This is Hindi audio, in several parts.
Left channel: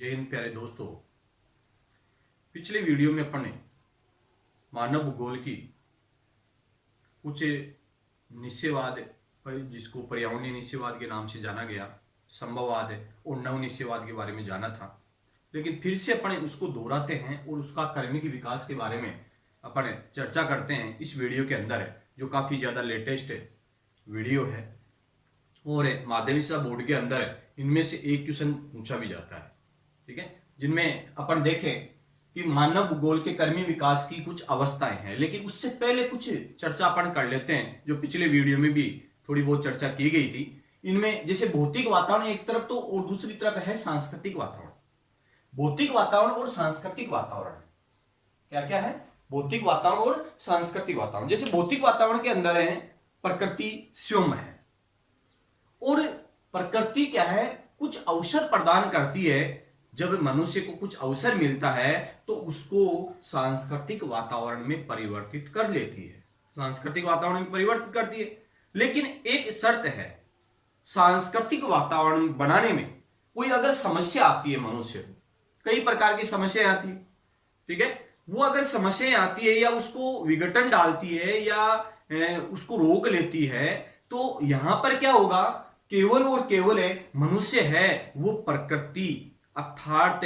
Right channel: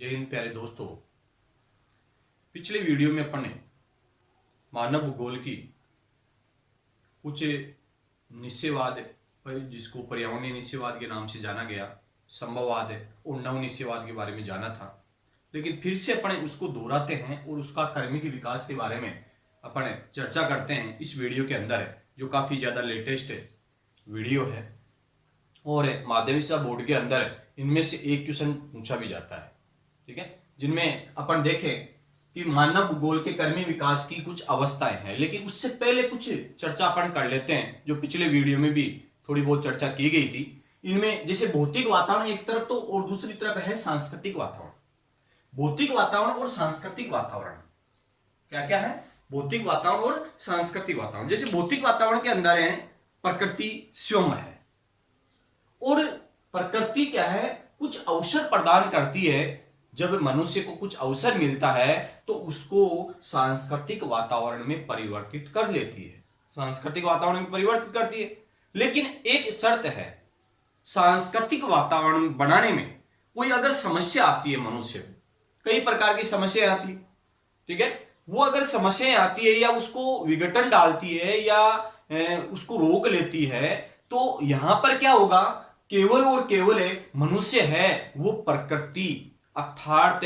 जय हिंद प्यारे दोस्तों। पिछले वीडियो में अपन ने मानव भूगोल की कुछ निश्चयवाद, जिसको पर्यावरणीय निश्चयवाद के नाम से जाना गया, संभववाद और नव निश्चयवाद के बारे में जाना था। लेकिन फिर से अपन उसको दोहराते हैं और उसका क्रमिक विकास के बारे में अपन चर्चा करते हैं इस वीडियो के अंदर, जो काफ़ी ज़्यादा लेटेस्ट वीडियो है और माध्यमिक बोर्ड के अंदर इनमें से एक क्वेश्चन पूछा भी जाता है। ठीक है, जिनमें अपन देखें कि मानव भूगोल के क्रमिक विकास की कुछ अवस्थाएं हैं। लेकिन उससे पहले कुछ चर्चा अपन कर लेते हैं, जो पिछले वीडियो में भी थोड़ी बहुत चर्चा की गई थी। इनमें जैसे भौतिक वातावरण एक तरफ तो, और दूसरी तरफ है सांस्कृतिक वातावरण। भौतिक वातावरण और सांस्कृतिक वातावरण क्या क्या है? भौतिक वातावरण और सांस्कृतिक वातावरण। जैसे भौतिक वातावरण के अंदर है प्रकृति स्वयं है, और प्रकृति क्या है, कुछ अवसर प्रदान करती है। जब मनुष्य को कुछ अवसर मिलता है तो उसको सांस्कृतिक वातावरण में परिवर्तित कर लेती है, सांस्कृतिक वातावरण में परिवर्तित करती है। लेकिन एक शर्त है, सांस्कृतिक वातावरण बनाने में कोई अगर समस्या आती है, मनुष्य को कई प्रकार की समस्याएं आती है, ठीक है, वो अगर समस्याएं आती है या उसको विघटन डालती है या उसको रोक लेती है, तो यहां पर क्या होगा, केवल और केवल मनुष्य है वो प्रकृति अर्थात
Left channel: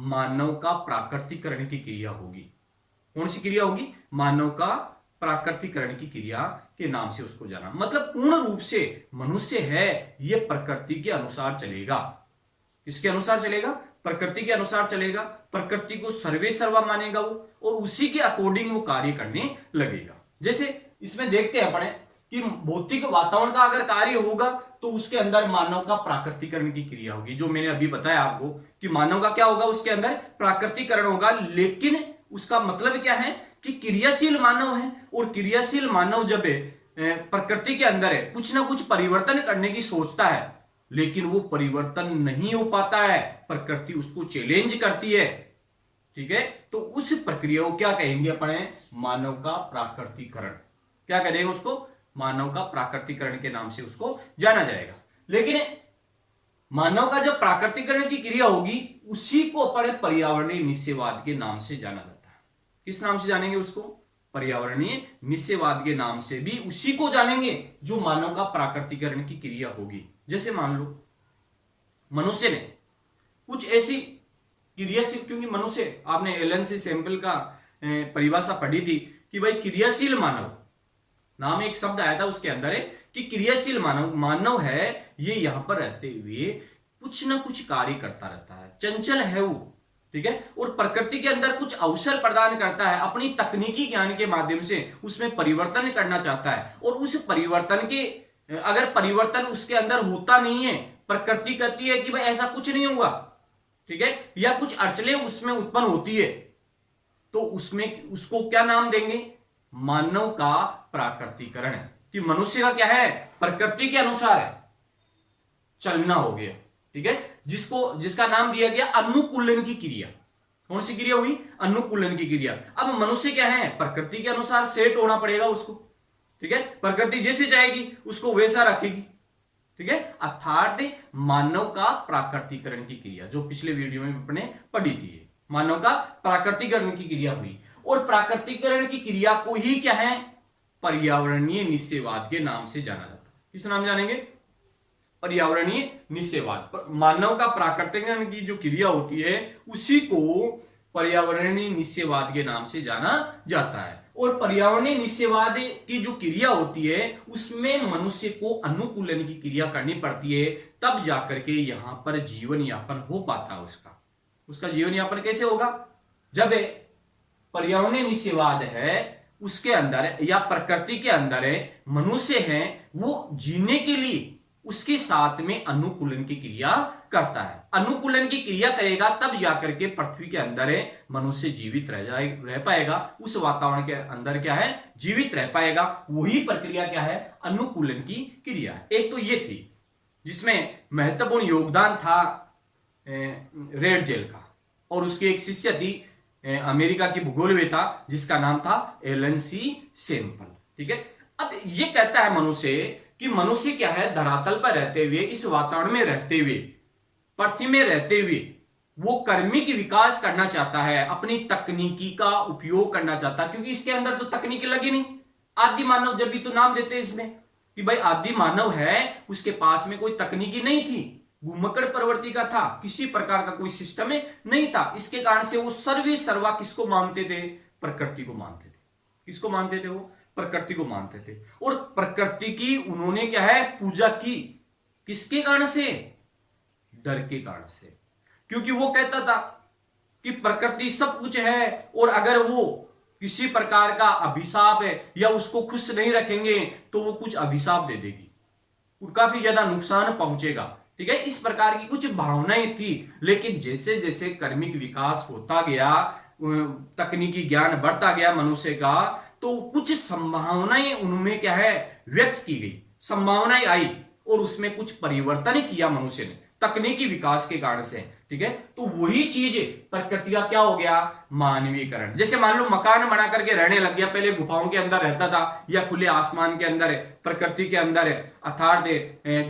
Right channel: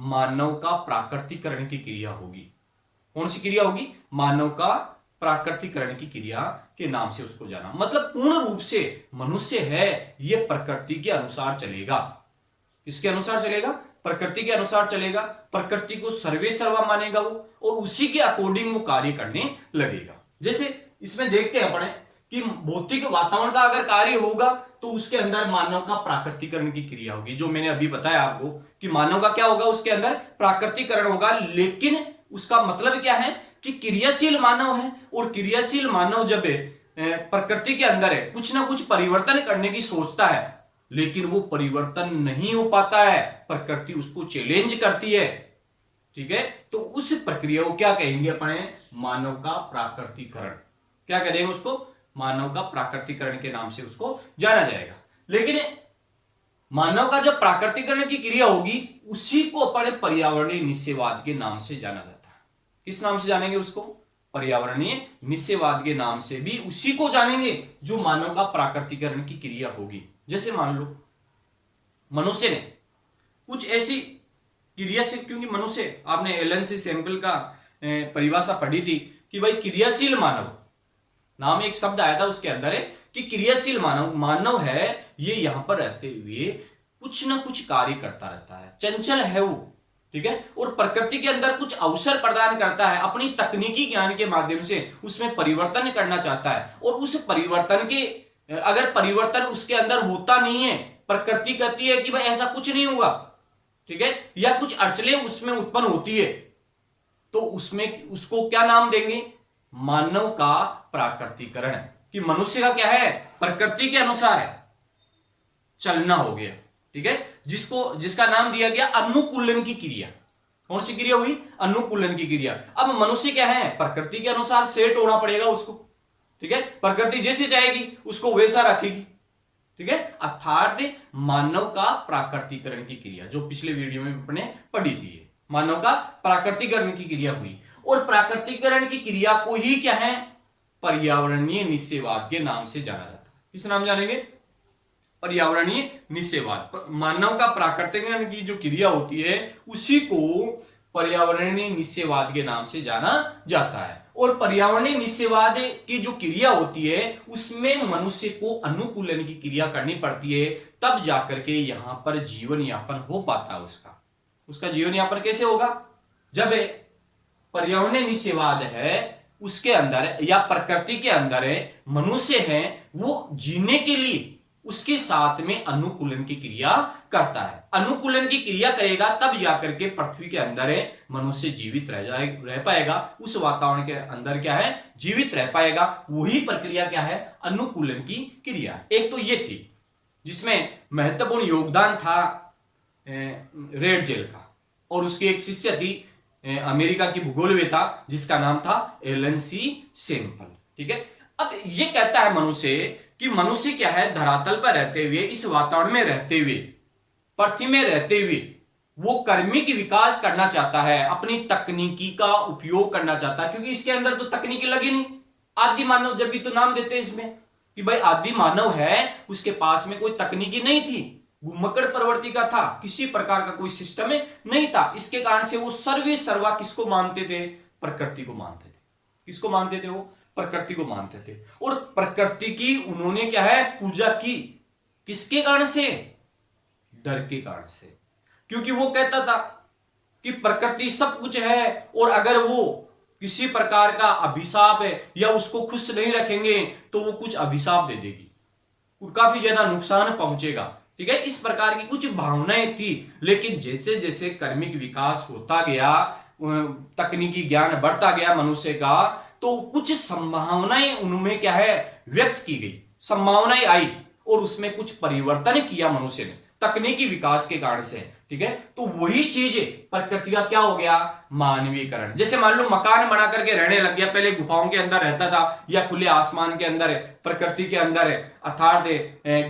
मानव का प्राकृतिकरण की क्रिया होगी। कौन सी क्रिया होगी? मानव का प्राकृतिकरण की क्रिया के नाम से उसको जाना। मतलब पूर्ण रूप से मनुष्य है ये प्रकृति के अनुसार चलेगा। किसके अनुसार चलेगा? प्रकृति के अनुसार चलेगा। प्रकृति को सर्वे सर्वा मानेगा वो, और उसी के अकॉर्डिंग वो कार्य करने लगेगा। जैसे इसमें देखते हैं अपन कि भौतिक वातावरण का अगर कार्य होगा तो उसके अंदर मानव का प्राकृतिकरण की क्रिया होगी। जो मैंने अभी बताया आपको कि मानव का क्या होगा, उसके अंदर प्राकृतिकरण होगा। लेकिन उसका मतलब क्या है कि क्रियाशील मानव है, और क्रियाशील मानव जब प्रकृति के अंदर है कुछ ना कुछ परिवर्तन करने की सोचता है, लेकिन वो परिवर्तन नहीं हो पाता है, प्रकृति उसको चैलेंज करती है। ठीक है, तो उस प्रक्रिया को क्या कहेंगे अपने? मानव का प्राकृतिकरण। क्या कहेंगे उसको? मानव का प्राकृतिकरण के नाम से उसको जाना जाएगा। लेकिन मानव का जब प्राकृतिकरण की क्रिया होगी उसी को अपने पर्यावरणीय निश्चयवाद के नाम से जाना जाता है। किस नाम से जानेंगे उसको? पर्यावरणीय निश्चयवाद के नाम से भी उसी को जानेंगे जो मानव का प्राकृतिकरण की क्रिया होगी। जैसे मान लो मनुष्य ने कुछ ऐसी क्रियाशील, क्योंकि मनुष्य, आपने एलन सी सैंपल का परिभाषा पढ़ी थी कि भाई क्रियाशील मानव नाम एक शब्द आया था, उसके अंदर है कि क्रियाशील मानव है ये यहां पर रहते हुए कुछ ना कुछ कार्य करता रहता है, चंचल है वो। ठीक है, और प्रकृति के अंदर कुछ अवसर प्रदान करता है, अपनी तकनीकी ज्ञान के माध्यम से उसमें परिवर्तन करना चाहता है। और उस परिवर्तन के, अगर परिवर्तन उसके अंदर होता नहीं है, प्रकृति कहती है कि भाई ऐसा कुछ नहीं होगा, ठीक है, या कुछ अड़चनें उसमें उत्पन्न होती है, तो उसमें उसको क्या नाम देंगे? मानव का प्राकृतिकरण। कि मनुष्य का क्या है? प्रकृति के अनुसार है, चलना हो गया। ठीक है, जिसका नाम दिया गया अनुकूलन की क्रिया। कौन सी क्रिया हुई? अनुकूलन की क्रिया। अब मनुष्य क्या है? प्रकृति के अनुसार सेट होना पड़ेगा उसको। ठीक है, प्रकृति जैसे चाहेगी उसको वैसा रखेगी। ठीक है, अर्थात मानव का प्राकृतिकरण की क्रिया, जो पिछले वीडियो में अपने पढ़ी थी, मानव का प्राकृतिकरण की क्रिया हुई। और प्राकृतिकरण की क्रिया को ही क्या है? पर्यावरणीय निश्चयवाद के नाम से जाना जाता है। किस नाम जानेंगे? पर्यावरणीय निश्चयवाद। मानव का प्राकृतिकरण की जो क्रिया होती है उसी को पर्यावरणीय निश्चयवाद के नाम से जाना जाता है। और पर्यावरणीय निश्चयवाद की जो क्रिया होती है उसमें मनुष्य को अनुकूलन की क्रिया करनी पड़ती है, तब जाकर के यहां पर जीवन यापन हो पाता है। उसका जीवन यापन कैसे होगा? जब पर्यावरणीय निश्चयवाद है उसके अंदर या प्रकृति के अंदर मनुष्य है, वो जीने के लिए उसके साथ में अनुकूलन की क्रिया करता है। अनुकूलन की क्रिया करेगा तब जाकर के पृथ्वी के अंदर मनुष्य जीवित रह पाएगा, उस वातावरण के अंदर क्या है? जीवित रह पाएगा। वही प्रक्रिया क्या है? अनुकूलन की क्रिया। एक तो ये थी जिसमें महत्वपूर्ण योगदान था रेड जेल का, और उसकी एक शिष्य थी अमेरिका की भूगोलवेता जिसका नाम था एलन सी सैंपल। ठीक है, अब ये कहता है मनुष्य कि मनुष्य क्या है? धरातल पर रहते हुए, इस वातावरण में रहते हुए, पृथ्वी में रहते हुए वो कर्मिक विकास करना चाहता है, अपनी तकनीकी का उपयोग करना चाहता है, क्योंकि इसके अंदर तो तकनीकी लगी नहीं। आदि मानव जब भी तो नाम देते हैं इसमें कि भाई आदि मानव है, उसके पास में कोई तकनीकी नहीं थी, घुमक्कड़ प्रवृत्ति का था, किसी प्रकार का कोई सिस्टम नहीं था। इसके कारण से वो सर्वे सर्वा किसको मानते थे? प्रकृति को मानते थे। किसको मानते थे? वो प्रकृति को मानते थे। और प्रकृति की उन्होंने क्या है? पूजा की। किसके कारण से? डर के कारण से। क्योंकि वो कहता था कि प्रकृति सब कुछ है, और अगर वो किसी प्रकार का अभिशाप है या उसको खुश नहीं रखेंगे तो वो कुछ अभिशाप दे देगी, काफी ज्यादा नुकसान पहुंचेगा। ठीक है, इस प्रकार की कुछ भावनाएं थी। लेकिन जैसे जैसे कर्मिक विकास होता गया, तकनीकी ज्ञान बढ़ता गया मनुष्य का, तो कुछ संभावनाएं उनमें क्या है? व्यक्त की गई, संभावनाएं आई, और उसमें कुछ परिवर्तन किया मनुष्य ने तकनीकी विकास के कारण से। ठीक है, तो वही चीज प्रकृति का क्या हो गया? मानवीकरण। जैसे मान लो मकान बना करके रहने लग गया, पहले गुफाओं के अंदर रहता था या खुले आसमान के अंदर है, प्रकृति के अंदर है, अर्थात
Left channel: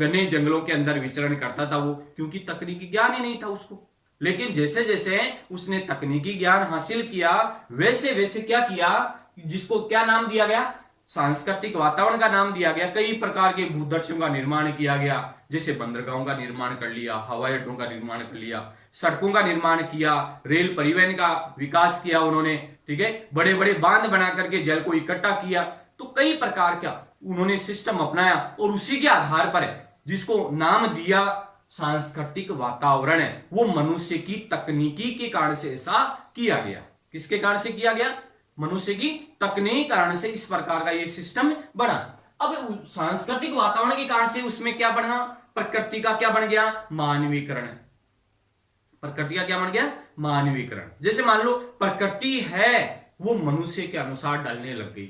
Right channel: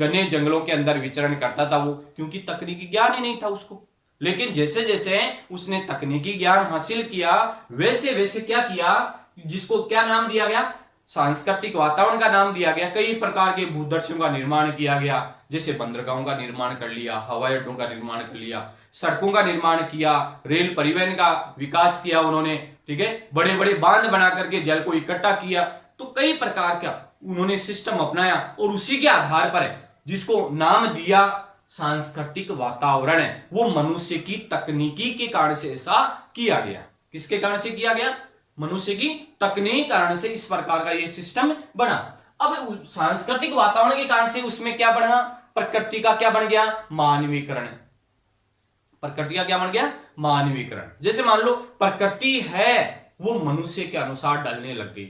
घने जंगलों के अंदर विचरण करता था वो, क्योंकि तकनीकी ज्ञान ही नहीं था उसको। लेकिन जैसे जैसे उसने तकनीकी ज्ञान हासिल किया, वैसे वैसे क्या किया, जिसको क्या नाम दिया गया? सांस्कृतिक वातावरण का नाम दिया गया। कई प्रकार के भूदर्शों का निर्माण किया गया, जैसे बंदरगाहों का निर्माण कर लिया, हवाई अड्डों का निर्माण कर लिया, सड़कों का निर्माण किया, रेल परिवहन का विकास किया उन्होंने। ठीक है, बड़े बड़े बांध बना करके जल को इकट्ठा किया। तो कई प्रकार का उन्होंने सिस्टम अपनाया, और उसी के आधार पर जिसको नाम दिया सांस्कृतिक वातावरण है, वो मनुष्य की तकनीकी के कारण से ऐसा किया गया। किसके कारण से किया गया? मनुष्य की तकनीक कारण से इस प्रकार का ये सिस्टम बना। अब सांस्कृतिक वातावरण के कारण से उसमें क्या बढ़ा? प्रकृति का क्या बन गया? मानवीकरण। प्रकृति का क्या बन गया? मानवीकरण। जैसे मान लो प्रकृति है वो मनुष्य के अनुसार ढलने लग गई,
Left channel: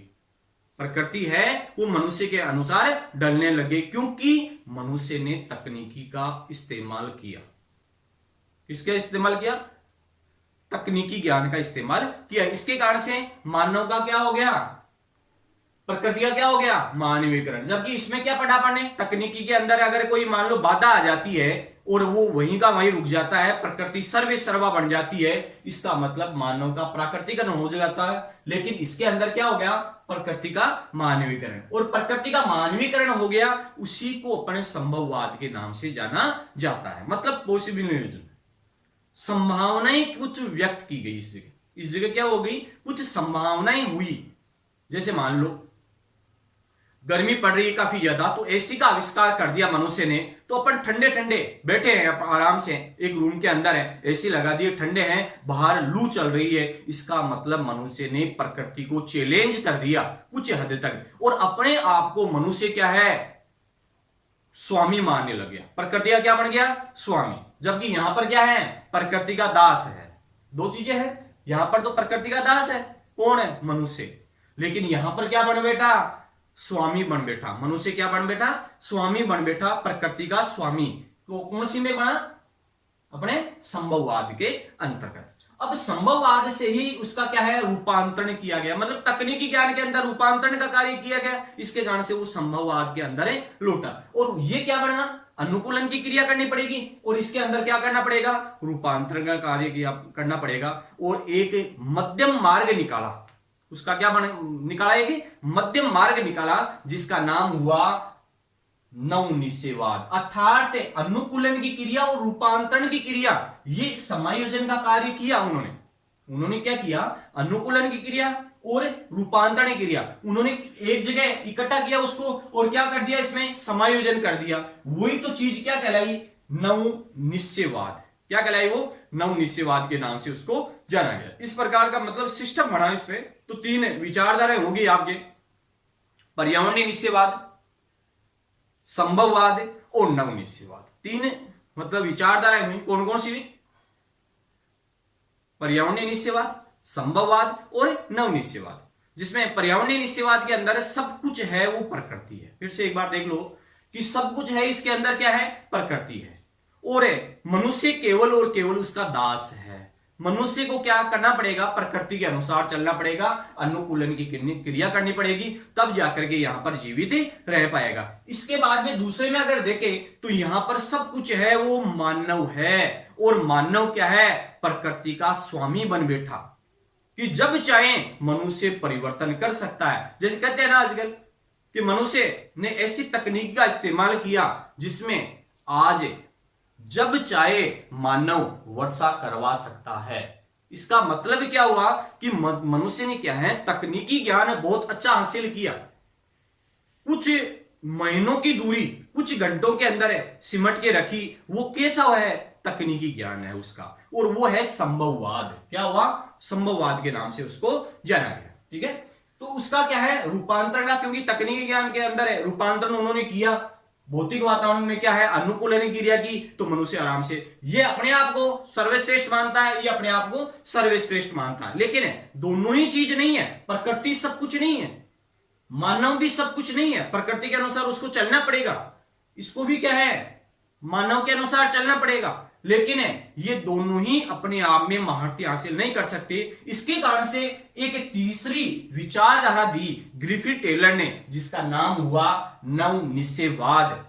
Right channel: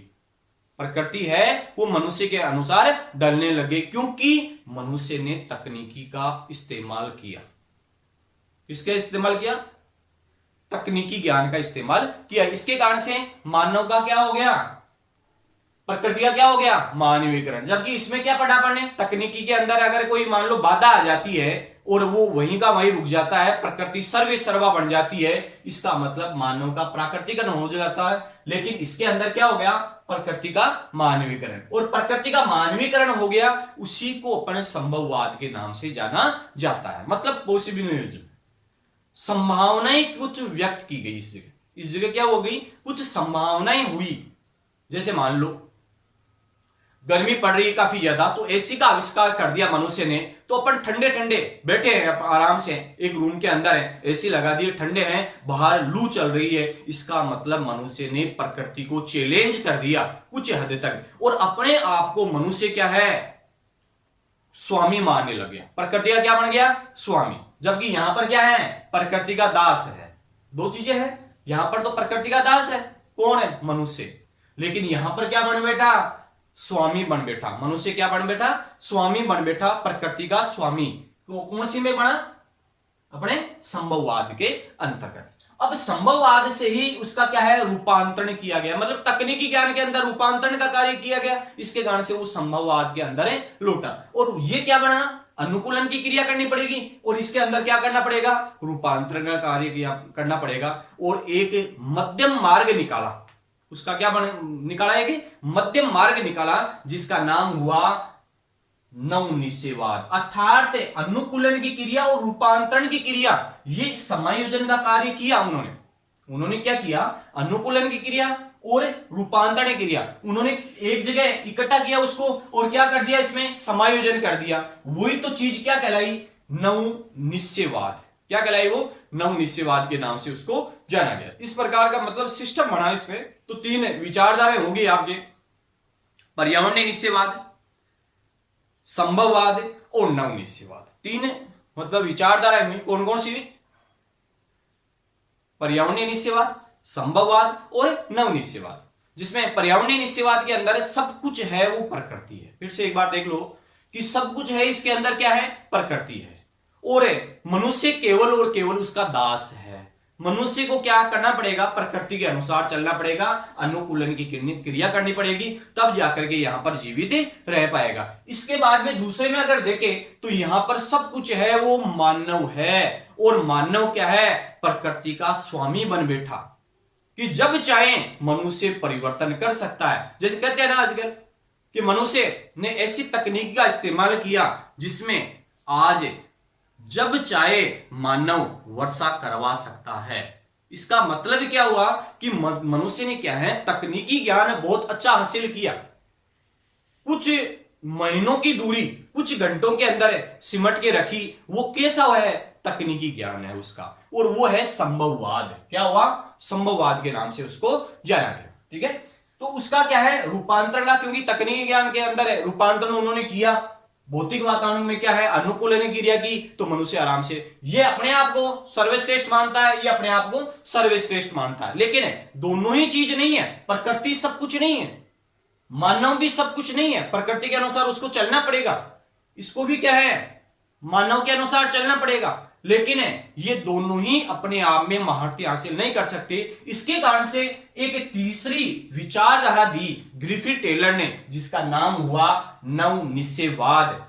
प्रकृति है वो मनुष्य के अनुसार ढलने लग गई, क्योंकि मनुष्य ने तकनीकी का इस्तेमाल किया। किसका इस्तेमाल किया? तकनीकी ज्ञान का इस्तेमाल किया। इसके कारण से मानव का क्या हो गया? प्रकृति का क्या हो गया? मानवीकरण। जबकि इसमें क्या पढ़ा पढ़ने? तकनीकी के अंदर अगर कोई मान लो बाधा आ जाती है और वो वहीं का वहीं रुक जाता है, प्रकृति सर्वे सर्वा बन जाती है, इसका मतलब मानव का प्राकृतिकरण हो जाता है। लेकिन इसके अंदर क्या हो गया? प्रकृति का मानवीकरण। और प्रकृति का मानवीकरण हो गया, उसी को अपन संभववाद के नाम से जाना जाता है। मतलब पॉसिबिलिटी, संभावनाएं कुछ व्यक्त की गई। इस जगह क्या हो गई? कुछ संभावनाएं हुई। जैसे मान लो गर्मी पड़ रही है काफी ज्यादा, तो एसी का आविष्कार कर दिया मनुष्य ने, तो अपन ठंडे ठंडे बैठे हैं आराम से, एक रूम के अंदर है, एसी लगा दिए, ठंडे हैं, बाहर लू चल रही है। इसका मतलब मनुष्य ने प्रकृति को चैलेंज कर दिया कुछ हद तक, और अपने आप को मनुष्य क्या है? स्वामी मानने लग गया। प्रकृति का क्या बन गया? स्वामी। जबकि यहां पर क्या है? प्रकृति का दास है। दो चीजें हैं, यहां पर तो प्रकृति का दास है, कौन है? मनुष्य। लेकिन यहां पर क्या बन बैठा? स्वामी बन बैठा। मनुष्य क्या बन बैठा? स्वामी बन बैठा, प्रकृति का स्वामी। तो कौन सी में बना? अपने संभववाद के अंतर्गत। अब संभववाद से ही उसका क्या है? रूपांतरण किया गया, मतलब तकनीकी ज्ञान के अंदर रूपांतरण का कार्य किया गया। इसके कारण से वो संभववाद के अंदर है लौटा। और ये क्या बना? अनुकूलन की क्रिया करनी पड़ेगी, और इसके अंदर क्या करना पड़ेगा? रूपांतरण का कार्य करना पड़ेगा। और एक मध्यम मार्ग निकाला, उसका क्या निकाला? एक मध्यम मार्ग निकाला, जिसका नाम हुआ नवनिश्चयवाद। अर्थात अनुकूलन की क्रिया और रूपांतरण की क्रिया, ये समायोजन का कार्य किया उन्होंने क्या किया? अनुकूलन की क्रिया और रूपांतरण की क्रिया उन्होंने एक जगह इकट्ठा किया उसको, और क्या कर दिया? इसमें समायोजन कर दिया। वही तो चीज क्या कहलाई? नवनिश्चयवाद। क्या कहलाई वो? नवनिश्चयवाद के नाम से उसको जाना गया। इस प्रकार का मतलब सिस्टम बना इसमें। तो तीन विचारधाराएं होगी आपके, पर्यावरणीय निश्चयवाद, संभववाद और नवनिश्चयवाद। तीन मतलब विचारधाराएं हुई। कौन कौन सी? पर्यावरणीय निश्चयवाद, संभववाद और नवनिश्चयवाद। जिसमें पर्यावरणीय निश्चयवाद के अंदर सब कुछ है वो प्रकृति है। फिर से एक बार देख लो कि सब कुछ है, इसके अंदर क्या है? प्रकृति है, और मनुष्य केवल और केवल उसका दास है। मनुष्य को क्या करना पड़ेगा, प्रकृति के अनुसार चलना पड़ेगा, अनुकूलन की क्रिया करनी पड़ेगी, तब जाकर के यहां पर जीवित रह पाएगा। इसके बाद में दूसरे में अगर देखें तो यहां पर सब कुछ है वो मानव है, और मानव क्या है, प्रकृति का स्वामी बन बैठा कि जब चाहे मनुष्य परिवर्तन कर सकता है। जैसे कहते हैं ना आजकल कि मनुष्य ने ऐसी तकनीक का इस्तेमाल किया जिसमें आज जब चाहे मानव वर्षा करवा सकता है। इसका मतलब क्या हुआ कि मनुष्य ने क्या है, तकनीकी ज्ञान बहुत अच्छा हासिल किया, कुछ महीनों की दूरी कुछ घंटों के अंदर सिमट के रखी। वो कैसा है, तकनीकी ज्ञान है उसका, और वो है संभववाद। क्या हुआ, संभववाद के नाम से उसको जाना गया। ठीक है, तो उसका क्या है, रूपांतरण का, क्योंकि तकनीकी ज्ञान के अंदर है रूपांतरण उन्होंने किया। भौतिक वातावरण में क्या है, अनुकूलन की क्रिया की, तो मनुष्य आराम से, ये अपने आप को सर्वश्रेष्ठ मानता है, ये अपने आप को सर्वश्रेष्ठ मानता है। लेकिन दोनों ही चीज नहीं है, प्रकृति सब कुछ नहीं है, मानव भी सब कुछ नहीं है, प्रकृति के अनुसार उसको चलना पड़ेगा, इसको भी क्या है, मानव के अनुसार चलना पड़ेगा। लेकिन ये दोनों ही अपने आप में महारती हासिल नहीं कर सकते। इसके कारण से एक तीसरी विचारधारा दी ग्रिफिथ टेलर ने, जिसका नाम हुआ नवनिश्चयवाद,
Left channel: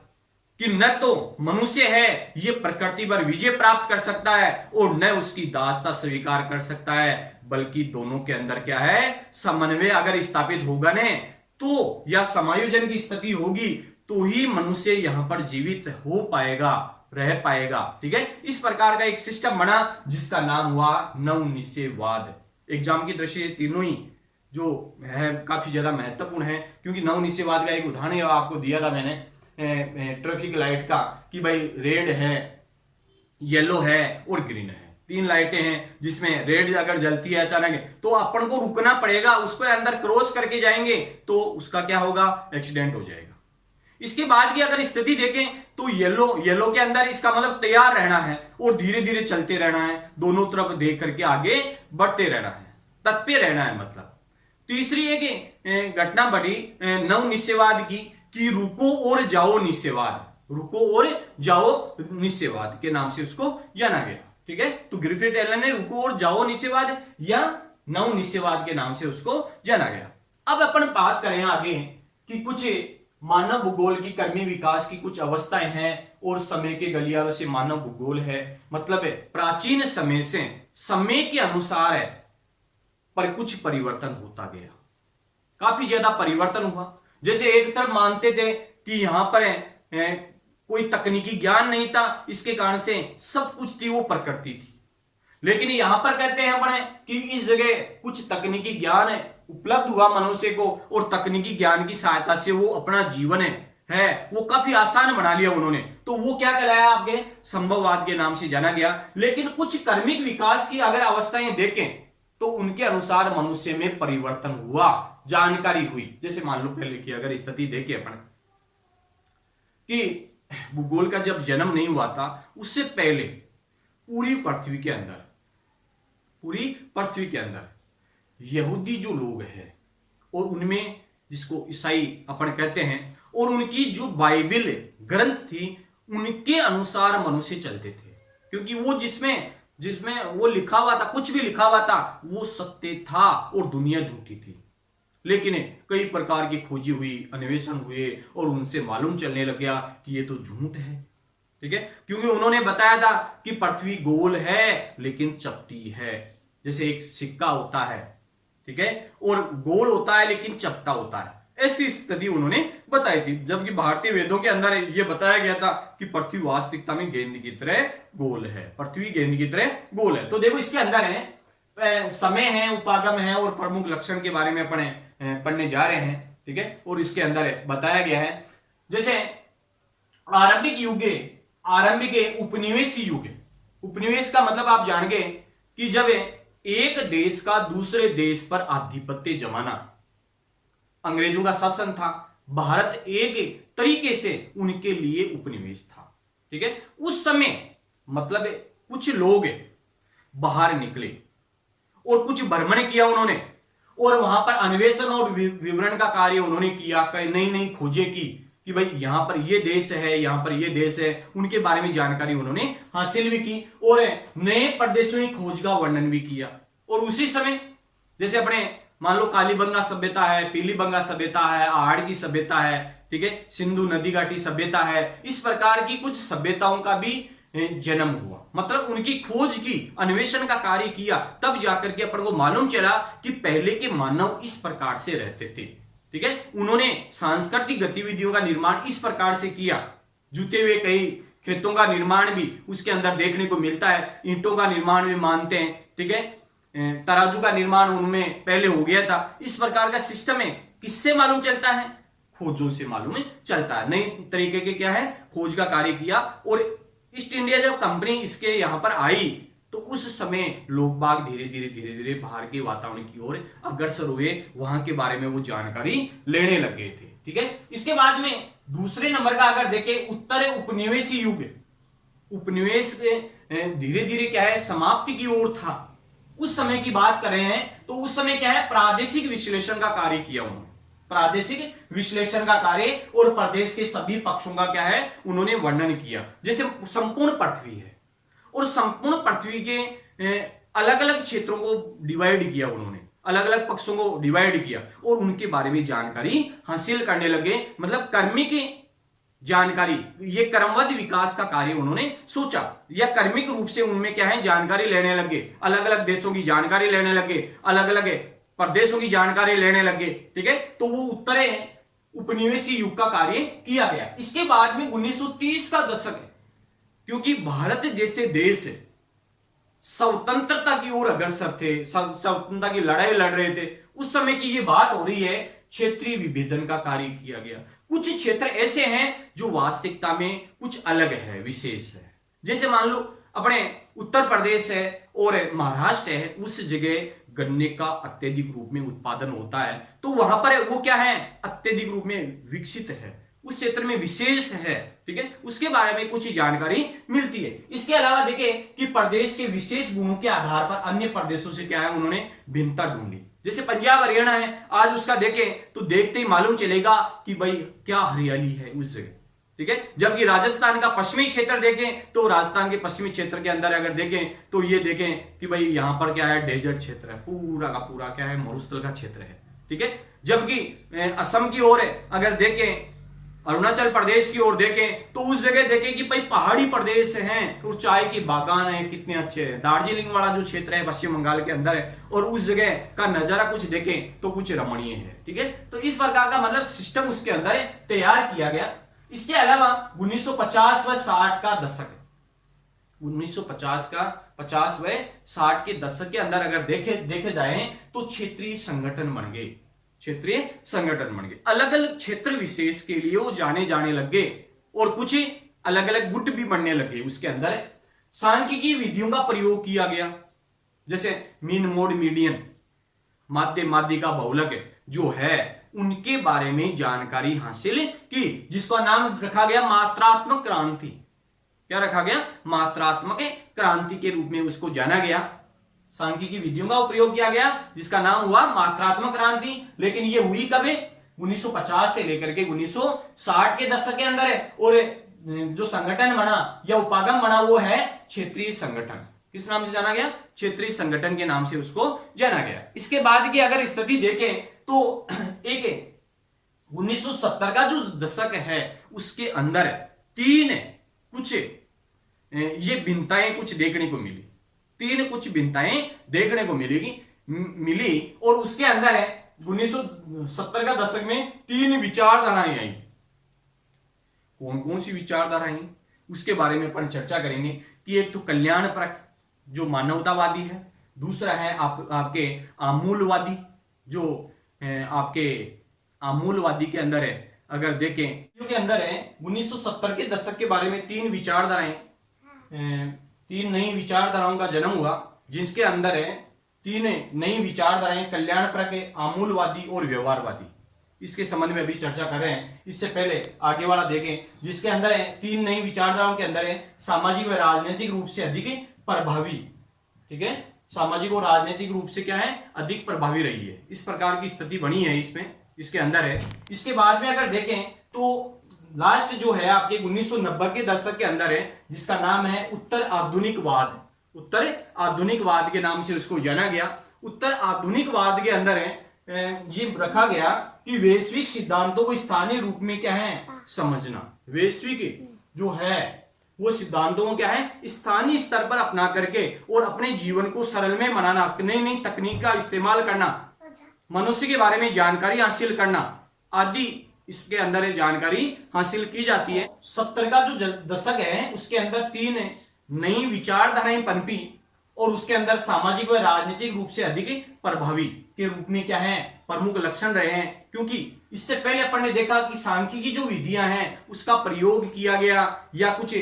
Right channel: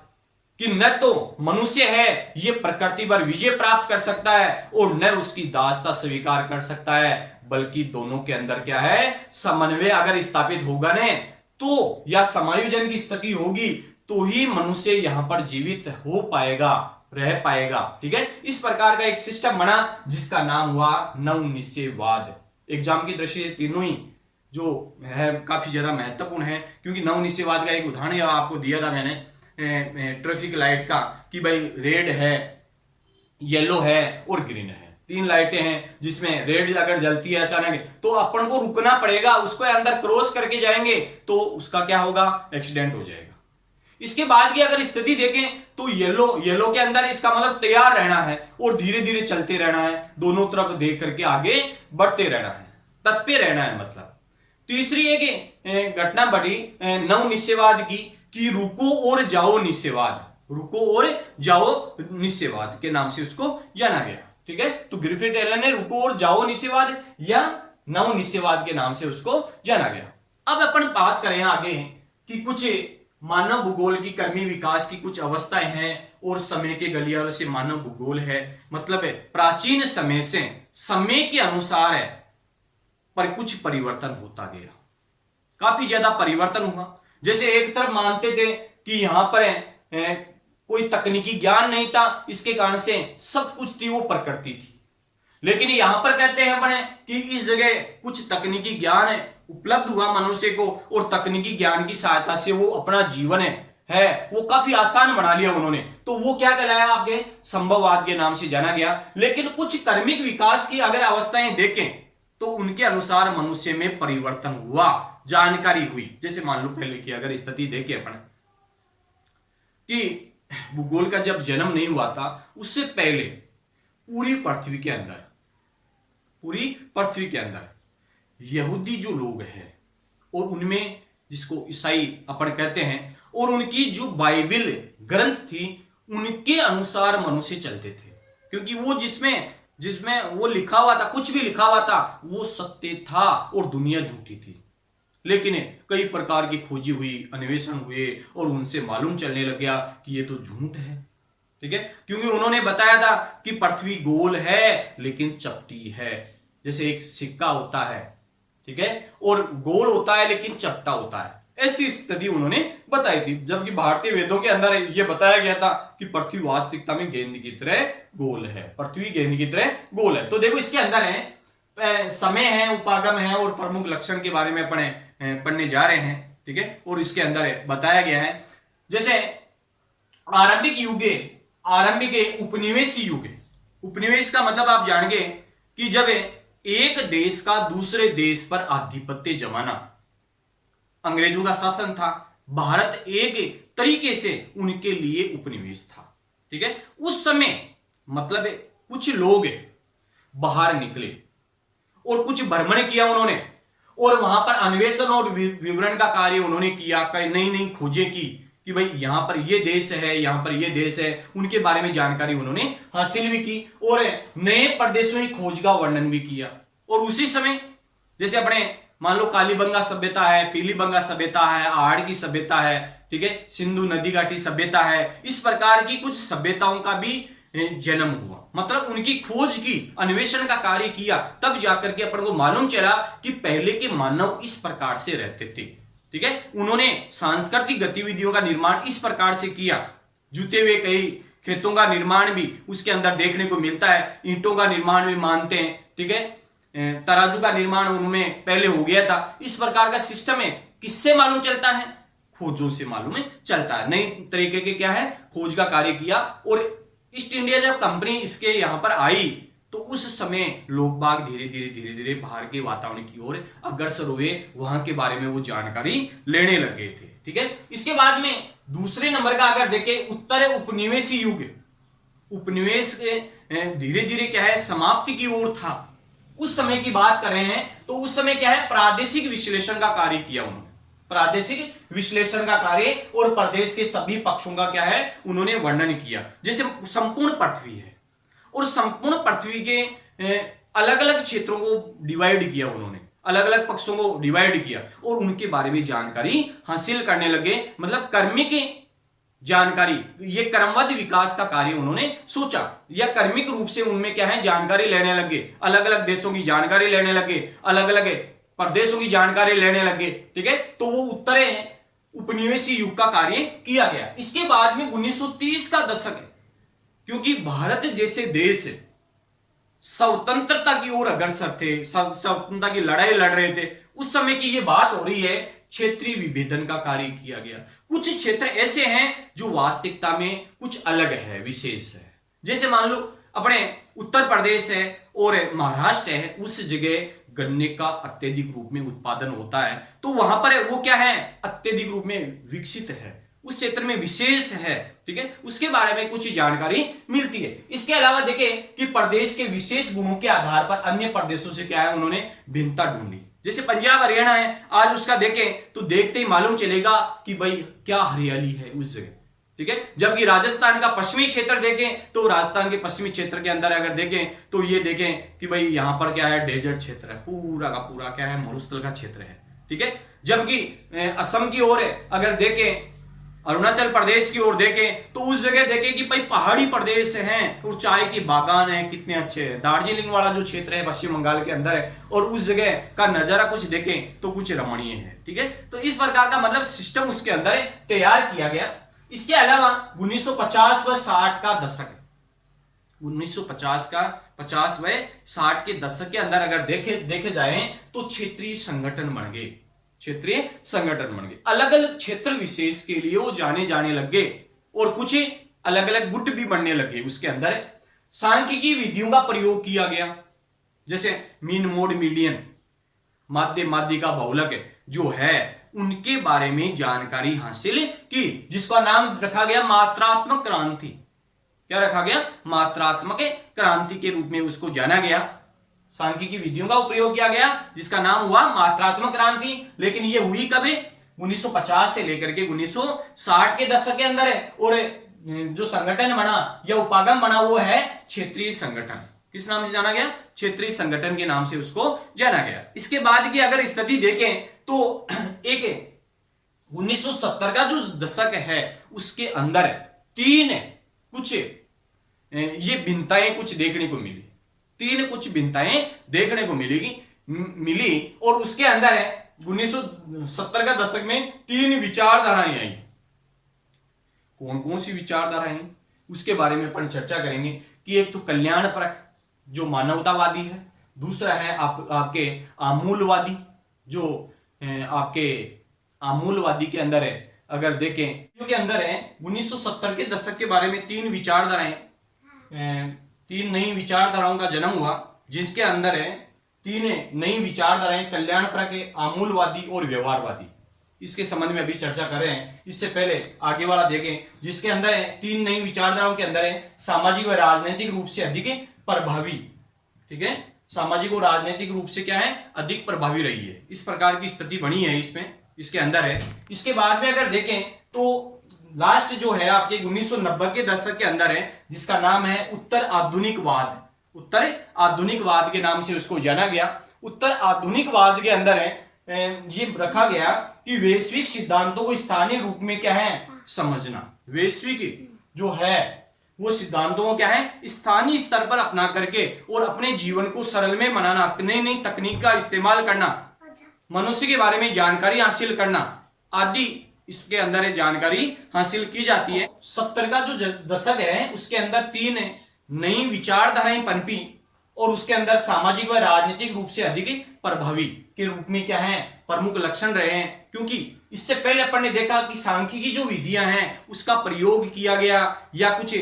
कि न तो मनुष्य है ये प्रकृति पर विजय प्राप्त कर सकता है और न उसकी दासता स्वीकार कर सकता है, बल्कि दोनों के अंदर क्या है, समन्वय अगर स्थापित होगा न तो, या समायोजन की स्थिति होगी तो ही मनुष्य यहां पर जीवित हो पाएगा, रह पाएगा। ठीक है, इस प्रकार का एक सिस्टम बना जिसका नाम हुआ नवनिश्चयवाद। एग्जाम की दृष्टि से तीनों ही जो है काफी ज्यादा महत्वपूर्ण है, क्योंकि नवनिश्चयवाद का एक उदाहरण आपको दिया था मैंने ट्रैफिक लाइट का, कि भाई रेड है, येलो है और ग्रीन है, तीन लाइटें हैं, जिसमें रेड अगर जलती है अचानक तो अपन को रुकना पड़ेगा, उसको अंदर क्रॉस करके जाएंगे तो उसका क्या होगा, एक्सीडेंट हो जाएगा। इसके बाद की अगर स्थिति देखें तो येलो के अंदर इसका मतलब तैयार रहना है और धीरे धीरे चलते रहना है, दोनों तरफ देख करके आगे बढ़ते रहना है, तत्पर रहना है। मतलब तीसरी एक घटना बढ़ी नवनिश्चयवाद की, कि रुको और जाओ निश्चयवाद, रुको और जाओ निश्चयवाद के नाम से उसको जाना गया। ठीक है, तो ग्रिफिथ टेलर ने रुको और जाओ निश्चयवाद या नवनिश्चयवाद के नाम से उसको जाना गया। अब अपन बात करें आगे कि कुछ मानव भूगोल की कर्मी विकास की कुछ अवस्थाएं हैं और समय के गलियारों से मानव भूगोल है, मतलब है प्राचीन समय से समय के अनुसार है पर कुछ परिवर्तन होता गया, काफी ज्यादा परिवर्तन हुआ। जैसे एक तरफ मानते थे कि यहां पर कोई तकनीकी ज्ञान नहीं था, इसके कारण से सब कुछ थी वो प्रकृति थी, लेकिन यहां पर कहते हैं अपने कि इस जगह कुछ तकनीकी ज्ञान है उपलब्ध हुआ मनुष्य को, और तकनीकी ज्ञान की सहायता से वो अपना जीवन है वो काफी आसान बना लिया उन्होंने, तो वो क्या कहलाया, आपके संभववाद के नाम से जाना गया। लेकिन कुछ कर्मिक विकास की अगर अवस्थाएं देखें तो उनके अनुसार मनुष्य में परिवर्तन हुआ, जानकारी हुई। जैसे मान लो पहले की अगर स्थिति देखें अपन कि भूगोल का जब जन्म नहीं हुआ था, उससे पहले पूरी पृथ्वी के अंदर यहूदी जो लोग हैं और उनमें जिसको ईसाई अपन कहते हैं, और उनकी जो बाइबल ग्रंथ थी उनके अनुसार मनुष्य चलते थे, क्योंकि वो जिसमें वो लिखा हुआ था, कुछ भी लिखा हुआ था वो सत्य था और दुनिया झूठी थी। लेकिन कई प्रकार की खोजी हुई, अन्वेषण हुए और उनसे मालूम चलने लग गया कि ये तो झूठ है। ठीक है, क्योंकि उन्होंने बताया था कि पृथ्वी गोल है लेकिन चपटी है, जैसे एक सिक्का होता है, ठीक है, और गोल होता है लेकिन चपटा होता है, ऐसी स्थिति उन्होंने बताई थी। जबकि भारतीय वेदों के अंदर यह बताया गया था कि पृथ्वी वास्तविकता में गेंद की तरह गोल है, पृथ्वी गेंद की तरह गोल है। तो देखो इसके अंदर है समय है, उपागम है और प्रमुख लक्षण के बारे में पढ़ने जा रहे हैं। ठीक है, और इसके अंदर बताया गया है जैसे आरंभिक उपनिवेशी युग। उपनिवेश का मतलब आप जानेंगे कि जब एक देश का दूसरे देश पर आधिपत्य जमाना, अंग्रेजों का शासन था, भारत एक तरीके से उनके लिए उपनिवेश था। ठीक है, उस समय मतलब कुछ लोग बाहर निकले और कुछ भ्रमण किया उन्होंने, और वहां पर अन्वेषण और विवरण का कार्य उन्होंने किया, कई नई नई खोजें की कि भाई यहां पर ये देश है, यहां पर ये देश है, उनके बारे में जानकारी उन्होंने हासिल भी की और नए प्रदेशों की खोज का वर्णन भी किया। और उसी समय जैसे अपने मान लो कालीबंगा सभ्यता है, पीलीबंगा सभ्यता है, आहड़ की सभ्यता है, ठीक है, सिंधु नदी घाटी सभ्यता है, इस प्रकार की कुछ सभ्यताओं का भी जन्म हुआ। मतलब उनकी खोज की, अन्वेषण का कार्य किया, तब जाकर के अपन को मालूम चला कि पहले के मानव इस प्रकार से रहते थे। ठीक है, उन्होंने सांस्कृतिक गतिविधियों का निर्माण इस प्रकार से किया। जूते हुए कई खेतों का निर्माण भी उसके अंदर देखने को मिलता है, ईंटों का निर्माण भी मानते हैं। ठीक है, तराजू का निर्माण उनमें पहले हो गया था। इस प्रकार का सिस्टम है, किससे मालूम चलता है? खोजों से मालूम चलता है। नई तरीके के क्या है, खोज का कार्य किया। और ईस्ट इंडिया जब कंपनी इसके यहां पर आई तो उस समय लोग बाग धीरे धीरे बाहर के वातावरण की ओर अग्रसर हुए, वहां के बारे में वो जानकारी लेने लग गए थे। ठीक है, इसके बाद में दूसरे नंबर का अगर देखें, उत्तर उपनिवेशी युग, उपनिवेश धीरे धीरे क्या है, समाप्ति की ओर था। उस समय की बात कर रहे हैं तो उस समय क्या है, प्रादेशिक विश्लेषण का कार्य किया उन्होंने, प्रादेशिक विश्लेषण का कार्य, और प्रदेश के सभी पक्षों का क्या है, उन्होंने वर्णन किया। जैसे संपूर्ण पृथ्वी है और संपूर्ण पृथ्वी के अलग अलग क्षेत्रों को डिवाइड किया उन्होंने, अलग अलग पक्षों को डिवाइड किया और उनके बारे में जानकारी हासिल करने लगे। मतलब कर्मिक जानकारी, ये क्रमबद्ध विकास का कार्य उन्होंने सोचा, या कर्मिक रूप से उनमें क्या है, जानकारी लेने लगे, अलग अलग देशों की जानकारी लेने लगे, अलग अलग प्रदेशों की जानकारी लेने लगे। ठीक है, तो वो उत्तर उपनिवेशी युग का कार्य किया गया। इसके बाद में 1930 का दशक है, क्योंकि भारत जैसे देश स्वतंत्रता की ओर अग्रसर थे, स्वतंत्रता की लड़ाई लड़ रहे थे, उस समय की ये बात हो रही है। क्षेत्रीय विभेदन का कार्य किया गया। कुछ क्षेत्र ऐसे हैं जो वास्तविकता में कुछ अलग है, विशेष है। जैसे मान लो अपने उत्तर प्रदेश है और महाराष्ट्र है, उस जगह गन्ने का अत्यधिक रूप में उत्पादन होता है, तो वहां पर वो क्या है, अत्यधिक रूप में विकसित है, उस क्षेत्र में विशेष है। ठीक है, उसके बारे में कुछ जानकारी मिलती है। इसके अलावा देखें कि प्रदेश के विशेष गुणों के आधार पर अन्य प्रदेशों से क्या है, उन्होंने भिन्नता ढूंढी। जैसे पंजाब हरियाणा है, आज उसका देखें तो देखते ही मालूम चलेगा कि भाई क्या हरियाली है उस जगह। ठीक है, जबकि राजस्थान का पश्चिमी क्षेत्र देखें तो राजस्थान के पश्चिमी क्षेत्र के अंदर अगर देखें तो ये देखें कि भाई यहां पर क्या है, डेजर्ट क्षेत्र है, पूरा का पूरा क्या है, मरुस्थल का क्षेत्र है। ठीक है, जबकि असम की ओर अगर देखें, अरुणाचल प्रदेश की ओर देखें तो उस जगह देखें कि भाई पहाड़ी प्रदेश हैं और चाय की बागान है, कितने अच्छे हैं। दार्जिलिंग वाला जो क्षेत्र है पश्चिम बंगाल के अंदर है, और उस जगह का नजारा कुछ देखें तो कुछ रमणीय है। ठीक है, तो इस प्रकार का मतलब सिस्टम उसके अंदर तैयार किया गया। इसके अलावा 1950 व 60 का दशक है, 1950 का 50 व 60 के दशक के अंदर अगर देखे जाए तो क्षेत्रीय संगठन बन गए, क्षेत्रीय संगठन बन गए, अलग अलग क्षेत्र विशेष के लिए वो जाने लग गए और कुछ अलग अलग गुट भी बनने लगे। उसके अंदर सांख्यिकी विधियों का प्रयोग किया गया, जैसे मीन मोड मीडियन, माध्य माध्यिका बहुलक जो है, उनके बारे में जानकारी हासिल की, जिसका नाम रखा गया मात्रात्मक क्रांति। क्या रखा गया, मात्रात्मक क्रांति के रूप में उसको जाना गया। सांख्यिकी विधियों का प्रयोग किया गया जिसका नाम हुआ मात्रात्मक क्रांति। लेकिन ये हुई कब, 1950 से लेकर के 1960 के दशक के अंदर है। और जो संगठन बना या उपागम बना वो है क्षेत्रीय संगठन। किस नाम से जाना गया, क्षेत्रीय संगठन के नाम से उसको जाना गया। इसके बाद की अगर स्थिति देखें तो एक 1970 का जो दशक है उसके अंदर तीन कुछ ये भिन्नताएं कुछ देखने को मिली, तीन कुछ भिन्नताएं देखने को मिली और उसके अंदर है 1970 का दशक में तीन विचारधाराएं आई। कौन कौन सी विचारधाराएं, उसके बारे में अपन चर्चा करेंगे कि एक तो कल्याणपरक जो मानवतावादी है, दूसरा है आपके आमूलवादी जो आपके आमूलवादी के अंदर है। अगर देखें के अंदर है 1970 के दशक के बारे में तीन विचारधाराएं, तीन नई विचारधाराओं का जन्म हुआ, जिनके अंदर है तीन नई विचारधाराएं, कल्याणपरक, आमूलवादी और व्यवहारवादी। इसके संबंध में अभी चर्चा कर रहे हैं। इससे पहले आगे वाला देखें जिसके अंदर है तीन नई विचारधाराओं के अंदर है सामाजिक व राजनीतिक रूप से अधिक प्रभावी। ठीक है, सामाजिक और राजनीतिक रूप से क्या है, अधिक प्रभावी रही है। इस प्रकार की स्थिति बनी है इसमें, इसके अंदर है। इसके बाद में अगर देखें तो लास्ट जो है आपके 1990 के दशक के अंदर है, जिसका नाम है उत्तर आधुनिकवाद। उत्तर आधुनिकवाद के नाम से उसको जाना गया। उत्तर आधुनिकवाद के अंदर है ये रखा गया कि वैश्विक सिद्धांतों को स्थानीय रूप में क्या है समझना। वैश्विक जो है वो सिद्धांतों को क्या है स्थानीय स्तर पर अपना करके और अपने जीवन को सरल में बनाना, नई नई तकनीक का इस्तेमाल करना, मनुष्य के बारे में जानकारी हासिल करना आदि इसके अंदर जानकारी हासिल की जाती है। 70 का जो दशक है उसके अंदर 3 नई विचारधाराएं पनपी और उसके अंदर सामाजिक व राजनीतिक रूप से अधिक प्रभावी के रूप में क्या है प्रमुख लक्षण रहे हैं। क्योंकि इससे पहले अपन ने देखा कि सांख्यिकी जो विधियां हैं उसका प्रयोग किया गया या कुछ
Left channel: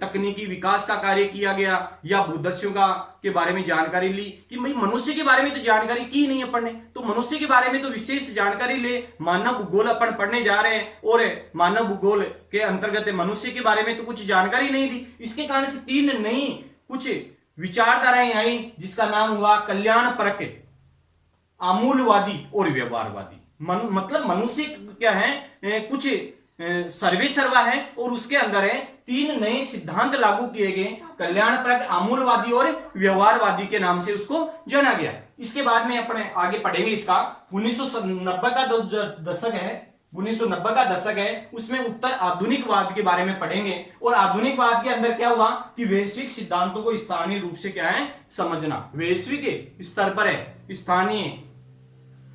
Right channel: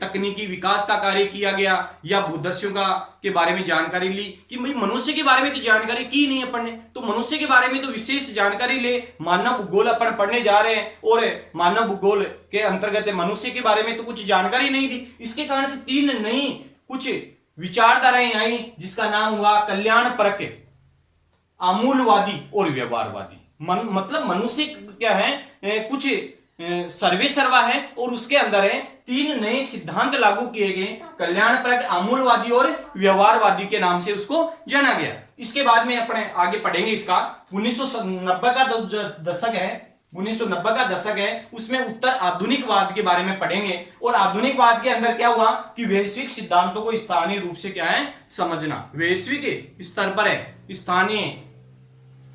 तकनीकी विकास का कार्य किया गया या भूदर्शियों का के बारे में जानकारी ली कि भाई मनुष्य के बारे में तो जानकारी की नहीं अपन ने, तो मनुष्य के बारे में तो विशेष जानकारी ले। मानव भूगोल अपन पढ़ने जा रहे हैं और मानव भूगोल के अंतर्गत मनुष्य के बारे में तो कुछ जानकारी नहीं दी। इसके कारण से 3 नई कुछ विचारधाराएं आई जिसका नाम हुआ कल्याणपरक, आमूलवादी और व्यवहारवादी। मतलब मनुष्य क्या है कुछ सर्वे सर्वा है और उसके अंदर है 3 नए सिद्धांत लागू किए गए, कल्याणपरक, आमूलवादी और व्यवहारवादी के नाम से उसको जाना गया। इसके बाद में अपने आगे पढ़ेंगे इसका 1990 का दशक है, 1990 का दशक है उसमें उत्तर आधुनिकवाद के बारे में पढ़ेंगे। और आधुनिकवाद के अंदर क्या हुआ कि वैश्विक सिद्धांतों को स्थानीय रूप से क्या है समझना। वैश्विक स्तर पर है स्थानीय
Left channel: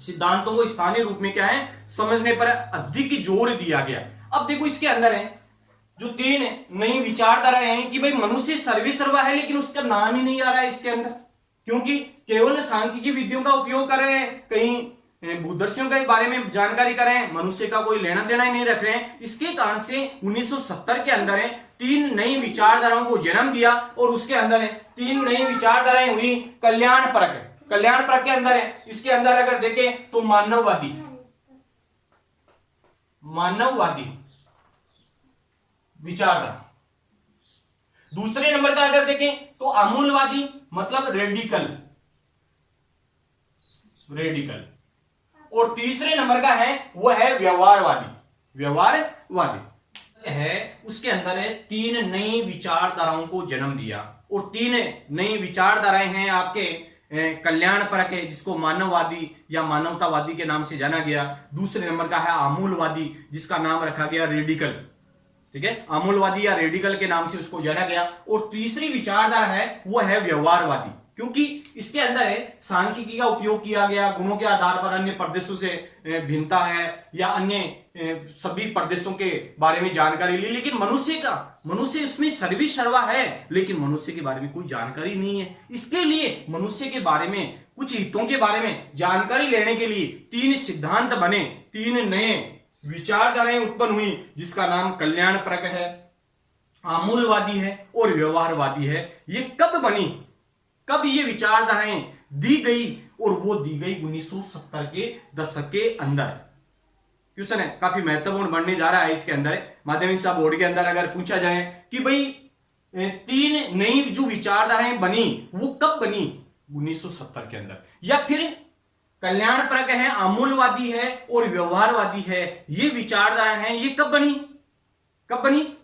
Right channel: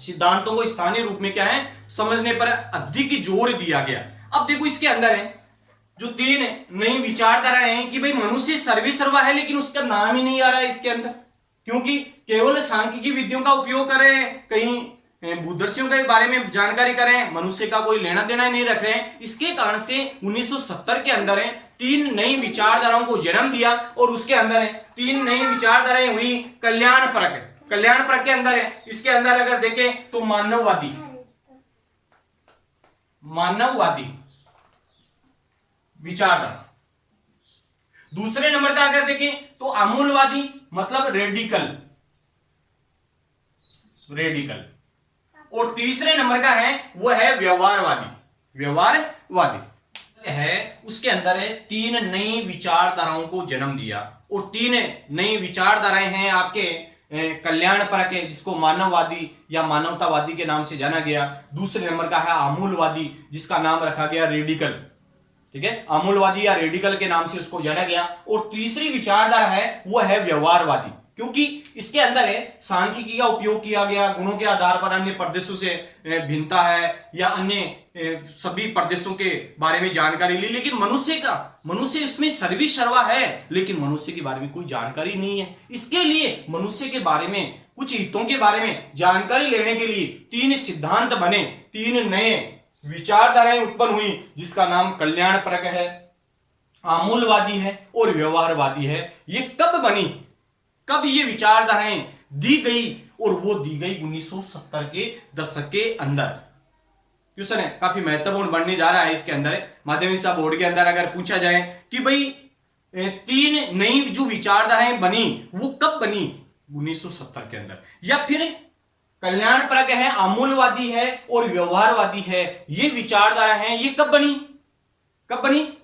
सिद्धांतों को स्थानीय रूप में क्या है समझने पर अधिक जोर दिया गया। अब देखो इसके अंदर है जो 3 नई विचारधारा हैं कि भाई मनुष्य सर्वे सर्वा है, लेकिन उसका नाम ही नहीं आ रहा है इसके अंदर, क्योंकि केवल सांख्यिकी विधियों का उपयोग कर रहे हैं, कहीं भूदर्शियों के बारे में जानकारी कर रहे हैं, मनुष्य का कोई लेना देना ही नहीं रख रहे हैं। इसके कारण से 1970 के अंदर है 3 नई विचारधाराओं को जन्म दिया और उसके अंदर है 3 नई विचारधाराएं हुई कल्याणपरक। कल्याणपरक के अंदर है, इसके अंदर अगर देखें तो मानववादी विचारधारा। दूसरे नंबर का अगर देखें तो आमूलवादी मतलब रेडिकल। और तीसरे नंबर का है वो है व्यवहारवादी है। उसके अंदर है 3 नई विचारधाराओं को जन्म दिया और 3 नई विचारधाराएं हैं आपके कल्याणपरक है जिसको मानववादी या मानवतावादी के नाम से जाना गया। दूसरे नंबर का है आमूलवादी जिसका नाम रखा गया रेडिकल, ठीक है, आमूलवादी या रेडिकल के नाम से उसको जाना गया। और तीसरी विचारधारा है वो है व्यवहारवादी, क्योंकि इसके अंदर है सांख्यिकी का उपयोग किया गया, गुणों के आधार पर अन्य प्रदेशों से भिन्नता है या अन्य सभी प्रदेशों के बारे में जानकारी ली, लेकिन मनुष्य इसमें सर्वे सर्वा है, लेकिन मनुष्य के बारे में कोई जानकारी नहीं है। इसके लिए मनुष्य के बारे में कुछ हितों के बारे में जानकारी लेने के लिए 3 सिद्धांत बने, 3 नए विचारधाराएं उत्पन्न हुई जिसका नाम कल्याणपरक है, आमूलवादी है और व्यवहारवादी है। ये कब बनी, कब ये विचारधाराएं दी गई, और वो दी गई 1970 के दशक के अंदर। क्वेश्चन है काफी महत्वपूर्ण बनने जा रहा है। इसके अंदर माध्यमिक बोर्ड के अंदर अगर पूछा जाए कि भाई 3 नई जो विचारधाराएं बनी वो कब बनी 1970 के अंदर, या फिर कल्याणपरक है, आमूलवादी है और व्यवहारवादी है, ये विचारधारा है ये कब बनी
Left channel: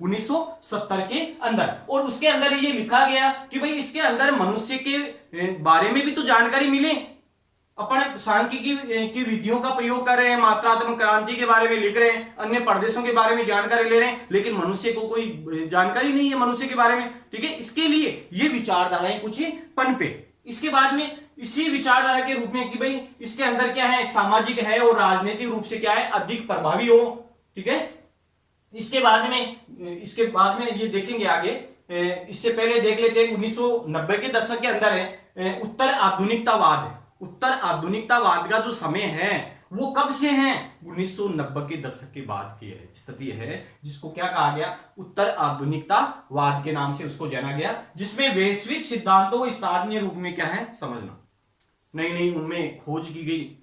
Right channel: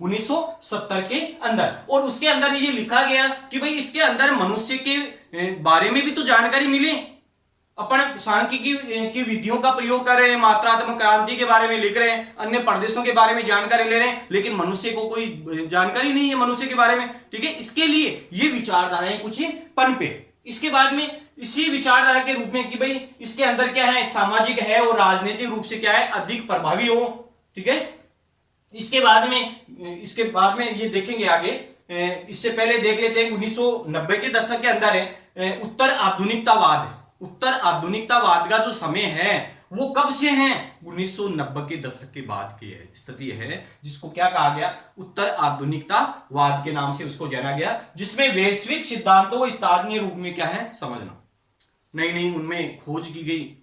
1970 के अंदर। और उसके अंदर ये लिखा गया कि भाई इसके अंदर मनुष्य के बारे में भी तो जानकारी मिले। अपन सांख्यिकी की विधियों का प्रयोग कर रहे हैं, मात्रात्मक क्रांति के बारे में लिख रहे हैं, अन्य प्रदेशों के बारे में जानकारी ले रहे हैं, लेकिन मनुष्य को कोई जानकारी नहीं है मनुष्य के बारे में, ठीक है। इसके लिए ये विचारधाराएं कुछ पनपे। इसके बाद में इसी विचारधारा के रूप में कि भाई इसके अंदर क्या है सामाजिक है और राजनीतिक रूप से क्या है अधिक प्रभावी हो, ठीक है। इसके बाद में ये देखेंगे आगे। इससे पहले देख लेते हैं 1990 के दशक के अंदर है उत्तर आधुनिकतावाद का जो समय है वो कब से है 1990 के दशक के बाद की स्थिति है, जिसको क्या कहा गया उत्तर आधुनिकतावाद के नाम से उसको जाना गया, जिसमें वैश्विक सिद्धांतों को स्थानीय रूप में क्या है समझना, नई उनमें खोज की गई,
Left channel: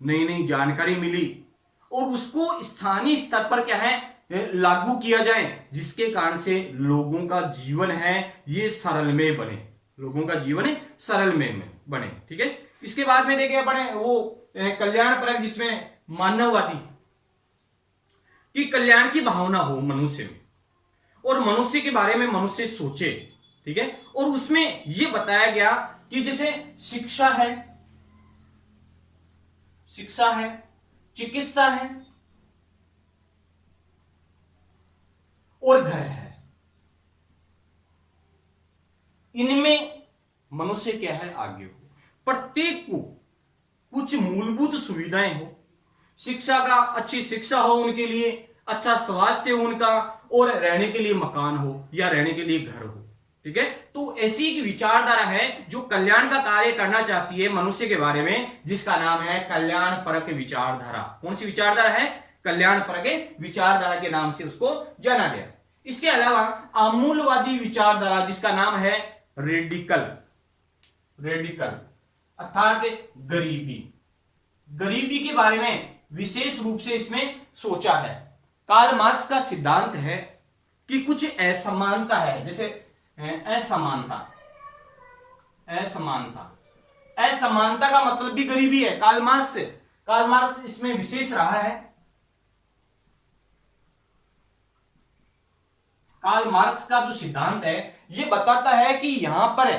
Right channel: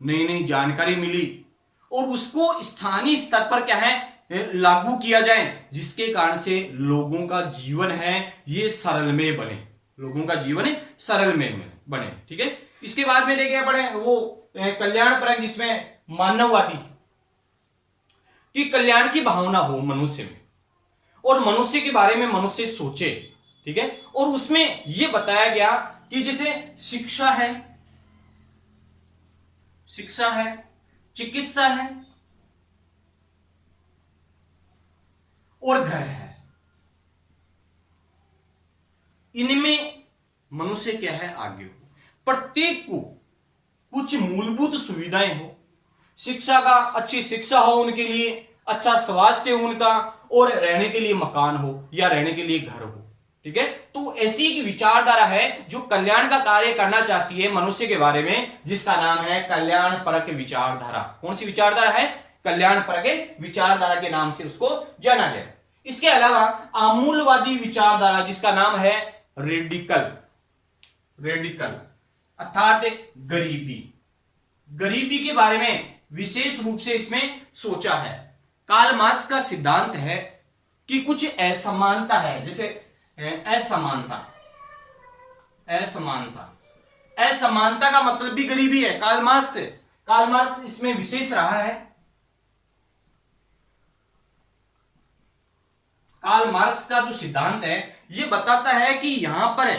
नई जानकारी मिली और उसको स्थानीय स्तर पर क्या है लागू किया जाए, जिसके कारण से लोगों का जीवन है ये सरलमय बने, लोगों का जीवन सरलमय बने, ठीक है। इसके बाद में देखें अपने वो कल्याणपरक जिसमें कि कल्याण की भावना हो मनुष्य में और मनुष्य के बारे में मनुष्य सोचे, ठीक है। और उसमें यह बताया गया कि जैसे शिक्षा है, चिकित्सा है और घर है, इनमें मनुष्य क्या है आगे हो, प्रत्येक को कुछ मूलभूत सुविधाएं हो, शिक्षा का अच्छी शिक्षा हो उनके लिए, अच्छा स्वास्थ्य हो उनका, और रहने के लिए मकान हो या रहने के लिए घर हो, ठीक है। तो ऐसी एक विचारधारा है जो कल्याण का कार्य करना चाहती है मनुष्य के बारे में, जिसका नाम है कल्याणपरक विचारधारा। कौन सी विचारधारा है? कल्याणपरक विचारधारा के नाम से उसको जाना गया। इसके अलावा आमूलवादी विचारधारा जिसका नाम है रेडिकल अर्थात गरीबी के बारे में विशेष रूप से इसमें सोचा है। कार्ल मार्क्स का सिद्धांत है कि कुछ असमानता है, जैसे असमानता का मतलब भी गरीबी है। कार्ल मार्क्स इसमें विशेष रहा है। कार्ल मार्क्स का जो सिद्धांत है यह बताता है कि यहां पर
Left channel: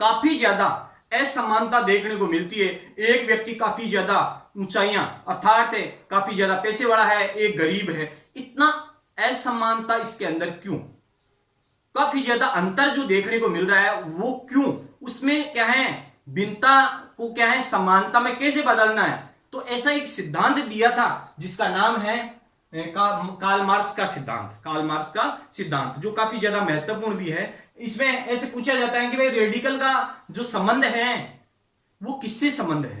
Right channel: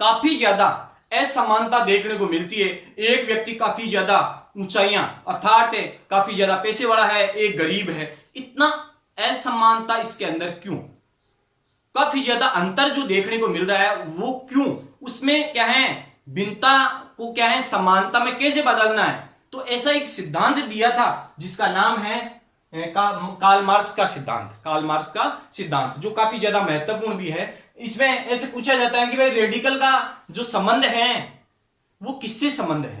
काफी ज्यादा असमानता देखने को मिलती है। एक व्यक्ति काफी ज्यादा ऊंचाइयां अर्थात काफी ज्यादा पैसे वाला है, एक गरीब है। इतना असमानता इसके अंदर क्यों? काफी ज्यादा अंतर जो देखने को मिल रहा है वो क्यों? उसमें क्या है, भिन्नता को क्या है समानता में कैसे बदलना है। तो ऐसा एक सिद्धांत दिया था जिसका नाम है कार्ल मार्क्स का सिद्धांत, जो काफी ज्यादा महत्वपूर्ण भी है। इसमें ऐसे पूछा जाता है कि भाई रेडिकल का जो संबंध है वो किससे संबंध है?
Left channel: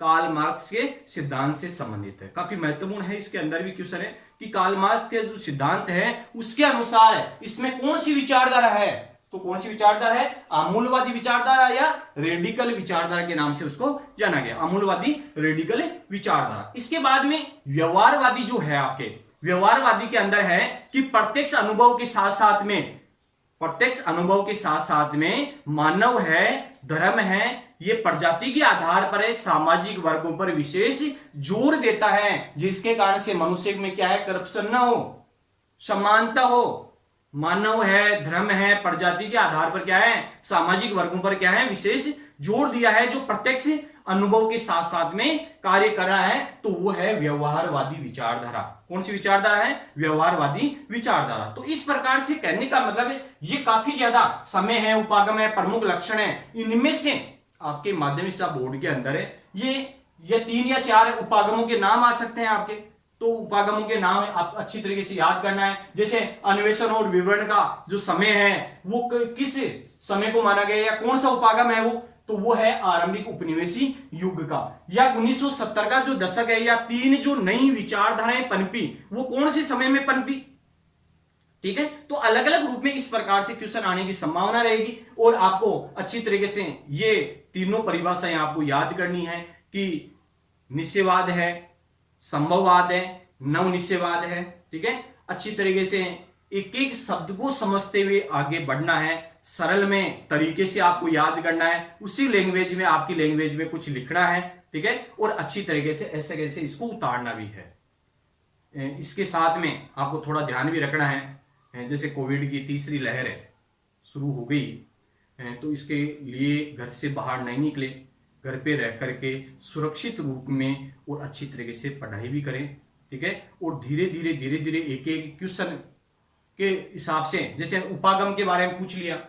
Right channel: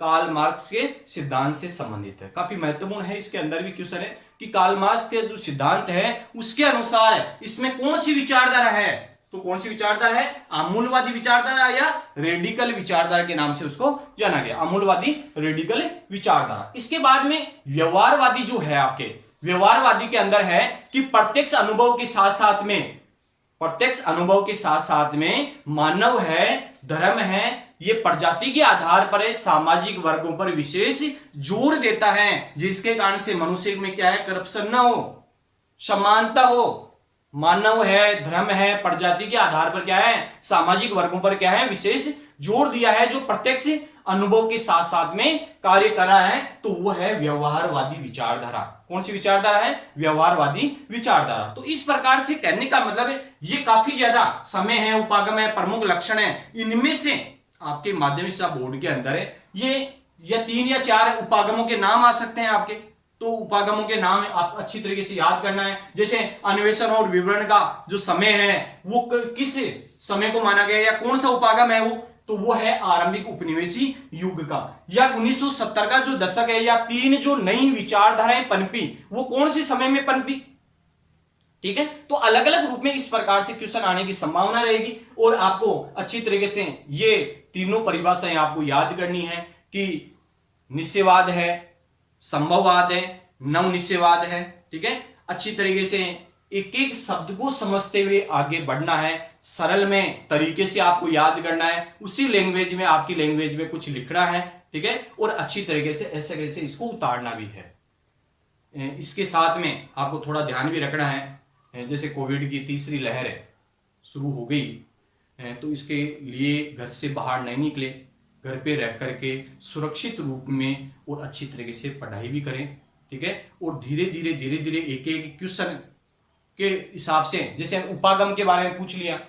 कार्ल मार्क्स के सिद्धांत से संबंधित है। काफी महत्वपूर्ण है, इसके अंदर भी क्वेश्चन है कि कार्ल मार्क्स के जो सिद्धांत है उसके अनुसार इसमें कौन सी विचारधारा है। तो कौन सी विचारधारा है? आमूलवादी विचारधारा या रेडिकल विचारधारा के नाम से उसको जाना गया, आमूलवादी रेडिकल विचारधारा। इसके बाद में व्यवहारवादी जो है, आपके व्यवहारवादी के अंदर है कि प्रत्यक्ष अनुभव के साथ साथ में मानव है, धर्म है, ये प्रजाति के आधार पर सामाजिक वर्गों पर विशेष जोर देता है, जिसके कारण से मनुष्य में क्या है, करप्शन ना हो, समानता हो। मानव है, धर्म है, प्रजाति के आधार पर क्या है, सामाजिक वर्गों पर क्या है, विशेष जोर दिया है, जो प्रत्यक्ष अनुभव के साथ साथ में कार्य कर रहा है। तो वो है व्यवहारवादी विचारधारा। कौन सी विचारधारा है? व्यवहारवादी विचारधारा। तो इस प्रकार से कहने का मतलब है ये काफी ज्यादा समय है, उपागम है, प्रमुख लक्षण है। इनमें से आपके माध्यमिक शिक्षा बोर्ड के अंदर है ये 3 या 4 उपागमों के नाम आ सकते हैं आपके। तो उपागमों के नाम आप अच्छी तरीके से याद करना है। जैसे अन्वेषण और विवरण का जो समय है वो किस समय को माना गया या कौन सा उपागम है वो? तो वो है आरंभिक उपनिवेशी युग का, या 1970 का जो दशक है, या 3 जो नई विचारधाराएं पनपी वो कौन से समय में पनपी, ठीक है। तो अलग अलग रूप में इस प्रकार से क्वेश्चन आने की संभावना रहेगी और आपको अच्छी तरीके से ये तीनों परिभाषाएं आपको याद करनी है कि निश्चयवाद है, संभववाद है, नवनिश्चयवाद है, ठीक है। अच्छी तरीके से एक एक शब्द को समझते हुए आगे बढ़ना है, सरल में तरीके से आपको याद करना है, उसी लैंग्वेज में, आपकी लैंग्वेज में कुछ लिखना है, ठीक है। और अच्छी तरीके से ऐसे कैसे इसको उतारना भी है। इसके साथ में आपको थोड़ा ध्यान भी रखना है, जैसे कोविड की 3री लहर शुरू हो गई, तो इसके लिए घर से बाहर नहीं निकले, घर पे रह करके सुरक्षित रूप में और अच्छी तरीके से पढ़ाई भी करें, ठीक है। और धीरे धीरे एक एक क्वेश्चन के हिसाब से, जैसे उपागम के बारे में पूछ लिया,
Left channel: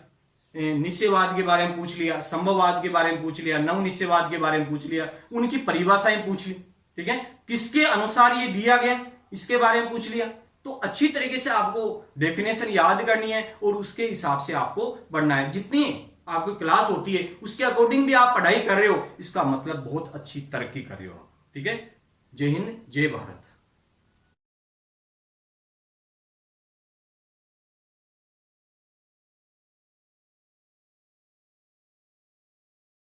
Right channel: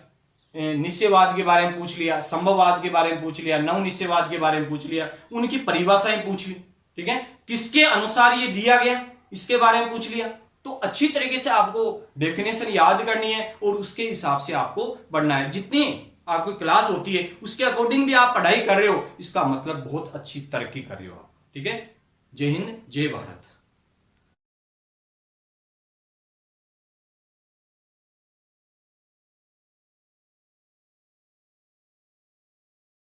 निश्चयवाद के बारे में पूछ लिया, संभववाद के बारे में पूछ लिया, नवनिश्चयवाद के बारे में पूछ लिया, उनकी परिभाषाएं पूछ ली, ठीक है। किसके अनुसार ये दिया गया इसके बारे में पूछ लिया। तो अच्छी तरीके से आपको डेफिनेशन याद करनी है और उसके हिसाब से आपको बढ़ना है। जितनी आपकी क्लास होती है उसके अकॉर्डिंग भी आप पढ़ाई कर रहे हो, इसका मतलब बहुत अच्छी तरक्की कर रहे हो, ठीक है। जय हिंद, जय भारत।